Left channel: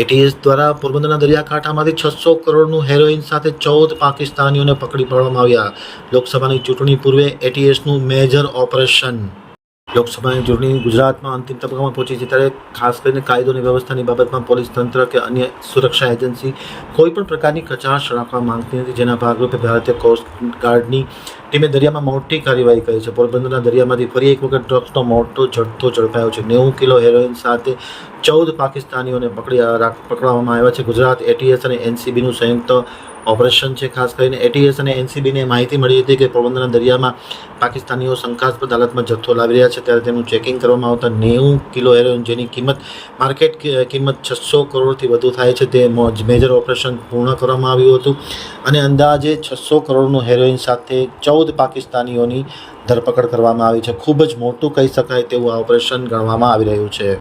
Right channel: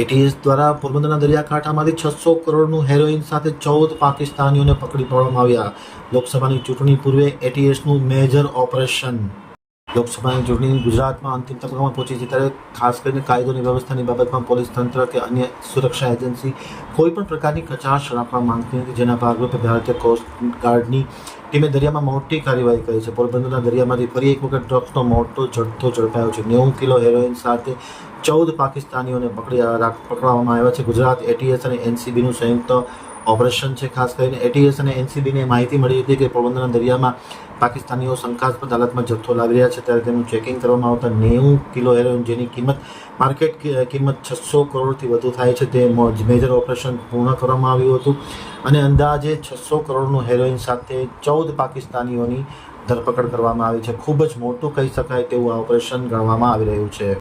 ATS દ્વારા પોરબંદરના દરિયાકાંઠામાંથી છસો કરોડનું હેરોઇન સાથે ચૌદ પાકિસ્તાનીઓને પકડી પાડવામાં આવ્યા. લોકસભાની ચૂંટણી પૂર્વે એટીએસનું મેજર ઓપરેશન લોકસભાની ચૂંટણી ગુજરાતમાં અંતિમ તબક્કામાં પહોંચી છે ત્યારે ખાસ કરીને કાયદોની વ્યવસ્થાની બાબતમાં પોલીસ તંત્ર કે અન્ય સુરક્ષા એજન્સી કોઈ પણ પ્રકારની કચાશ રાખવા માંગતી નથી. જેના ભાગરૂપે ભારતીય કોસ્ટ ગાર્ડની ટીમે દરિયામાં મોટી કાર્યવાહી કરી છે. પોરબંદરના દરિયામાંથી ફરી એક વખત ડ્રગ્સનો મોટો જથ્થો ઝડપાયો છે. નેવું કિલો હેરોઇન સાથે ચૌદ પાકિસ્તાનીઓને પકડી પકડવામાં આવ્યા છે. ગુજરાત એટીએસ અને એનસીબીનું સંયુક્ત ઓપરેશન છે, ખાસ કરીને એટીએસ અને એનસીબીને માહિતી મળી હતી કે પોરબંદરના દરિયામાં પાકિસ્તાનીઓ શંકાસ્પદ હાલતમાં જથ્થો લાવી રહ્યા છે. ત્યારે તેનું ચેકિંગ કરવામાં આવતા નેવું કિલો હેરોઇન જેની કિંમત માર્કેટ કિંમત છસો કરોડથી વધુ થાય છે. તે મેજર ઓપરેશન પૂર્ણ કરવામાં આવ્યું હતું અને અંદાજે છસો કરોડનું હેરોઇન સાથે ચૌદ પાકિસ્તાનીઓની ધરપકડ કરવામાં આવી છે. ખૂબ જ મોટું કહી શકાય તેવું આ ઓપરેશન ગણવામાં આવી રહ્યું છે.